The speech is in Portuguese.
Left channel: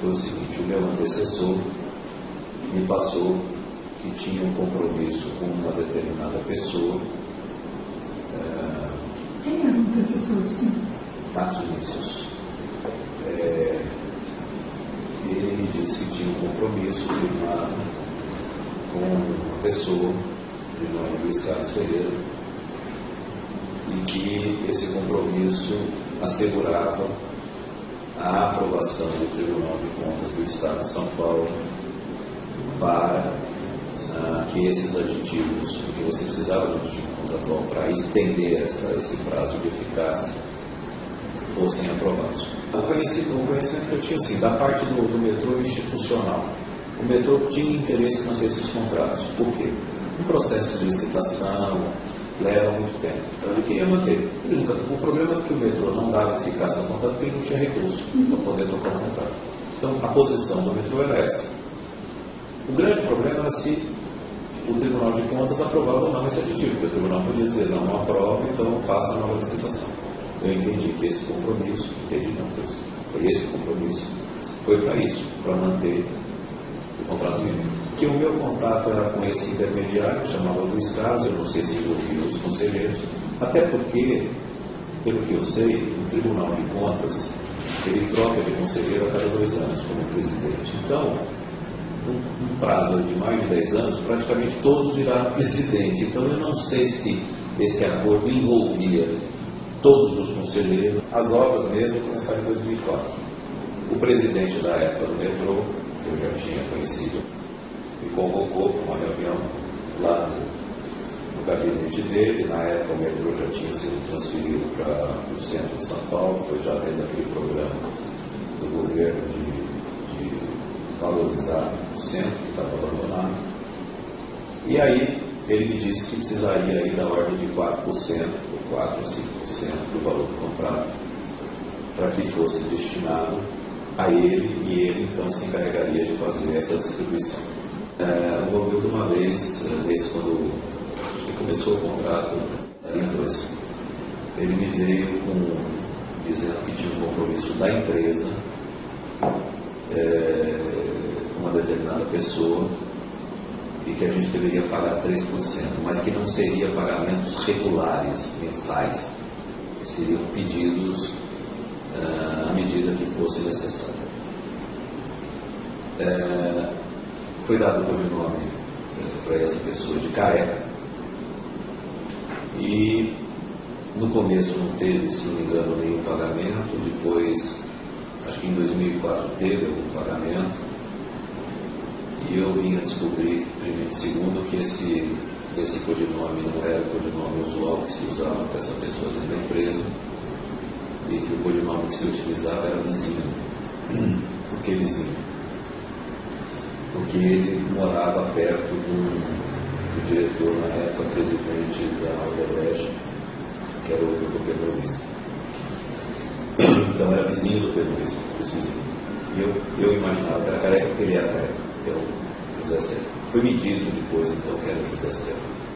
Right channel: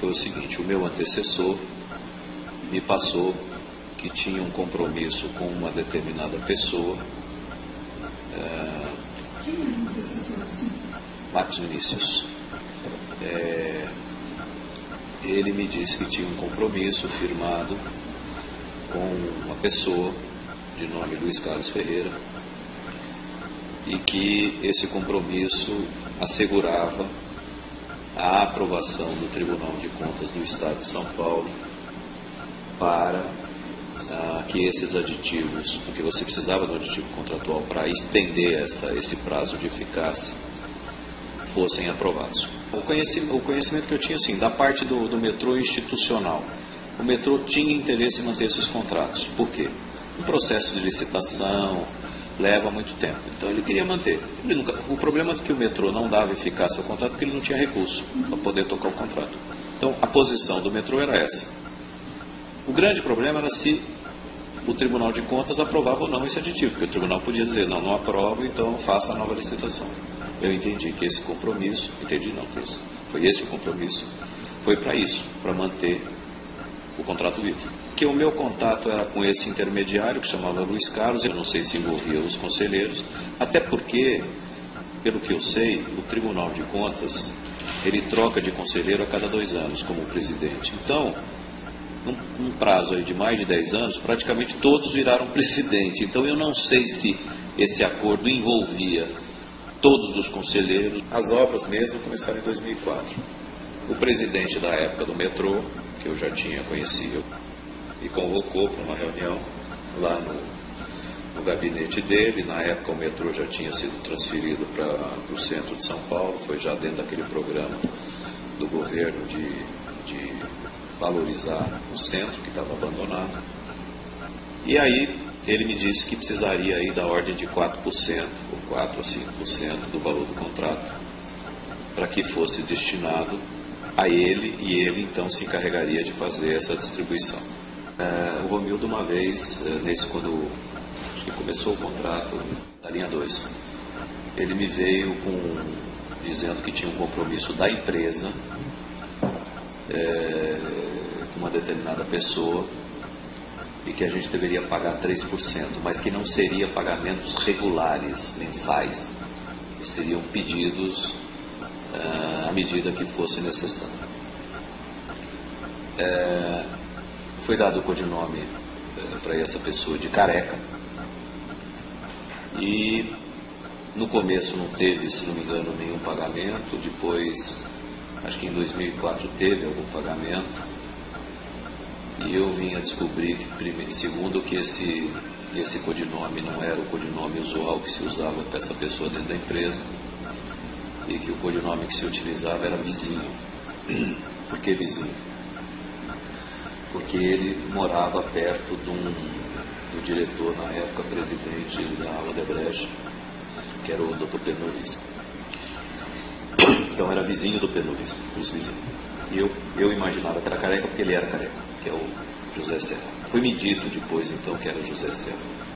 foi o seguinte: o meu antecessor me passou que tinha um compromisso com uma determinada pessoa. Quem era o antecessor, sim? Marcos Vinícius. Ele me disse que tinha um compromisso firmado com uma pessoa de nome Luiz Carlos Ferreira e que esse compromisso assegurava a aprovação do Tribunal de Contas do Estado de São Paulo para que esses aditivos, porque você precisava do aditivo contratual para estender esse prazo de eficácia, fossem aprovados. O conhecimento que eu tinha, assim, da parte do metrô institucional, o metrô tinha interesse em manter esses contratos. Por quê? Um processo de licitação leva muito tempo, então ele queria manter. O problema é que o metrô não dava eficácia ao contrato porque ele não tinha recurso para poder tocar o contrato. Então a posição do metrô era essa. O grande problema era se o Tribunal de Contas aprovava ou não esse aditivo, porque o tribunal podia dizer: não aprova, então faça a nova licitação. Eu entendi que esse compromisso, foi esse o compromisso, foi para isso, para manter o contrato vivo. Que o meu contato era com esse intermediário que chamava Luiz Carlos, eu não sei se envolvia os conselheiros, até porque, pelo que eu sei, o Tribunal de Contas, ele troca de conselheiro a cada 2 anos como presidente. Então, num prazo de mais de 10 anos, praticamente todos viraram presidente. Então eu não sei se esse acordo envolvia todos os conselheiros. As obras mesmo começaram em 2004. O presidente da época do metrô, que eu já tinha conhecido, me convocou para uma reunião lá no gabinete dele. Na época o metrô já tinha sido transferido para o centro de São Paulo, foi já dentro daquele programa do governo de valorizar o centro que estava abandonado. E aí ele me disse que precisaria aí da ordem de 4%, 4 a 5% do valor do contrato, para que fosse destinado a ele, e ele então se encarregaria de fazer essa distribuição. O Romildo, uma vez, desde quando acho que começou o contrato da linha 2, ele me veio dizendo que tinha um compromisso da empresa com uma determinada pessoa e que a gente deveria pagar 3%, mas que não seria pagamentos regulares, mensais, seriam pedidos à medida que fosse necessário. Foi dado o codinome para essa pessoa de Careca, e no começo não teve, se não me engano, nenhum pagamento. Depois, acho que em 2004 teve algum pagamento, e eu vim a descobrir, segundo, que esse codinome não era o codinome usual que se usava para essa pessoa dentro da empresa, e que o codinome que se utilizava era Vizinho. Por que Vizinho? Porque ele morava perto do diretor, na época, presidente da Odebrecht, que era o Dr. Pedro Visco. Então era vizinho do Pedro Visco, por isso Vizinho. E eu imaginava que era Careca porque ele era Careca, que é o José Serra. Foi medido depois, então, que era o José Serra.